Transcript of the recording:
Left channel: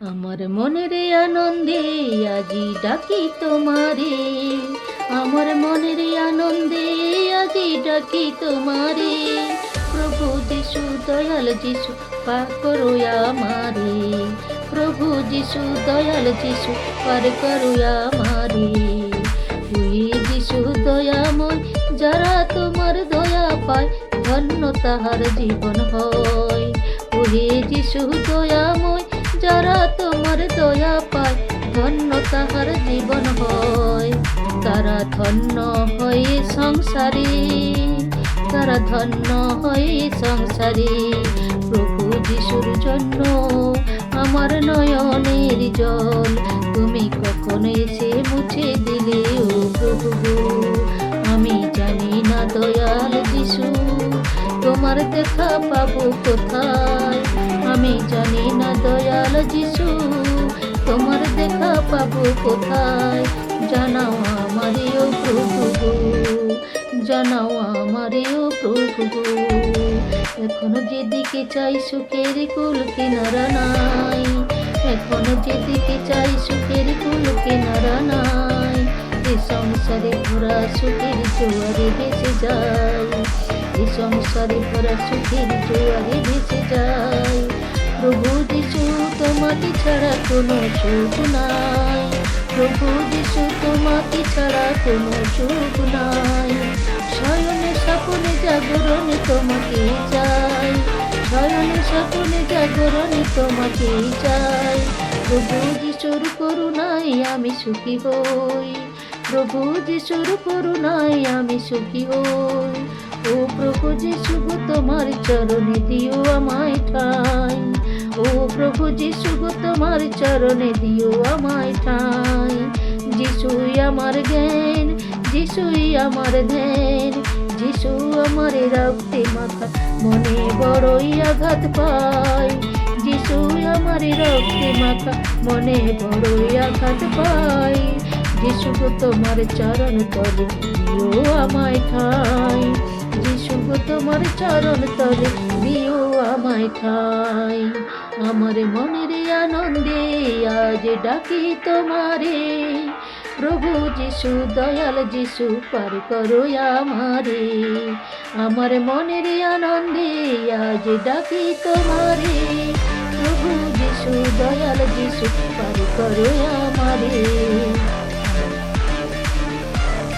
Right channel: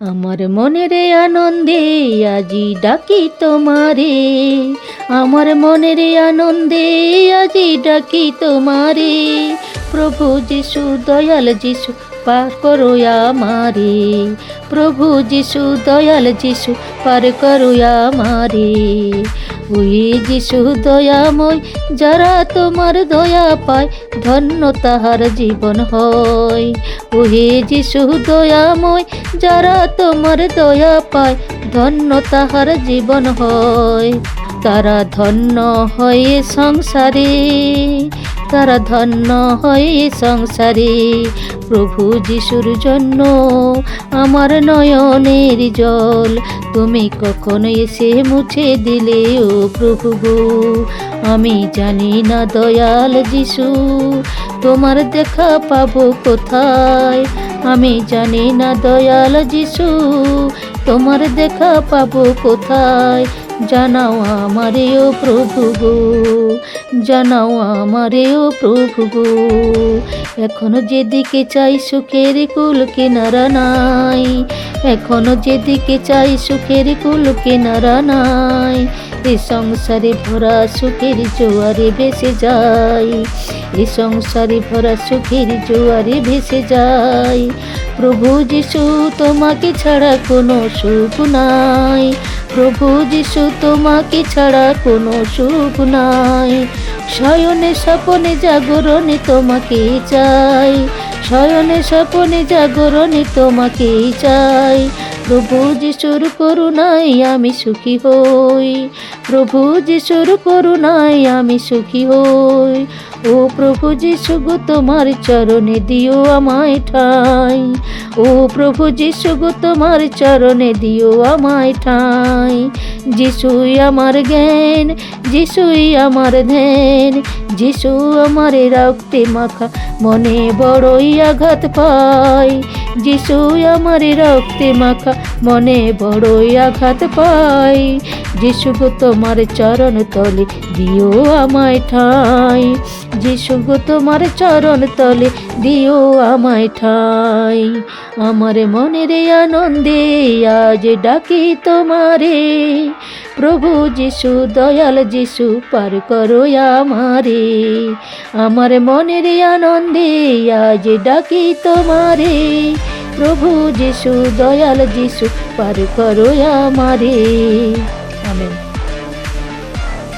আমার মনের আনন্দে আজি ডাকি তোমারে, আমার মনের আনন্দে আজি ডাকি তোমারে। প্রভু যিশু দয়াল যিশু পার করো আমারে, প্রভু যিশু দয়াল যিশু পার করো আমারে। ওই যিশু দয়াময়, যারা তোমার দয়া পায় ধন্য তাহার জীবন হয়। ওহে যিশু দয়াময়, যারা তোমার দয়া পায় ধন্য তাহার জীবন হয়। তারা ধন্য হয় সংসারে, তারা ধন্য হয় সংসারে। প্রভু যিশুর জন্য আমার নয়নের জল তুমি কখন এসে মুছে দিলে ও প্রভু গো। আমি জানি না দয়াল যিশু তোমার দেখা পাবো কোথায়, আমি জানি না দয়াল যিশু তোমার দেখা পাবো কোথায়। জানাও আমারে ও প্রভু গো, জানাও আমারে ও প্রভু গো। এখনো যেদিকে চাই সুখের কুল কিনারা নাই, এখনো যেদিকে চাই সুখের কুল কিনারা নাই। এ সংসারে ভরা সুখের জোয়ারে ভেসে যায়, এ সংসারে ভরা সুখের জোয়ারে ভেসে যায়। প্রভু যিশু তোমাকে ছাড়া কোনো সুখ নাই, প্রভু যিশু তোমাকে ছাড়া কোনো সুখ নাই। শয়নে স্বপনে জাগরণে তোমাকে চাই, শয়নে স্বপনে জাগরণে তোমাকে চাই। প্রভু যিশুর করুণায় আমি সুখী হই, প্রভু যিশুর করুণায় আমি সুখী হই। ও প্রভু যিশু গো তোমার চরণে দিও আমায় ঠাই, ও প্রভু যিশু গো তোমার চরণে দিও আমায় ঠাই। যিশুই আমার জ্ঞান, যিশুই আমার ধ্যান, যিশু আমার রক্তে মাখা মনে বড়ই আঘাত পায়। যিশু আমার রক্তে মাখা মনে বড়ই আঘাত পায়। যিশু গো তোমার চরণ তলে দিও আমায় ঠাই, যিশু গো তোমার চরণ তলে দিও আমায় ঠাই। আমার মনের আনন্দে আজ ডাকি তোমারে, প্রভু যিশু দয়াল যিশু পার করো আমারে। আমার মনের আনন্দে আজ ডাকি তোমারে, প্রভু যিশু দয়াল যিশু পার করো আমারে।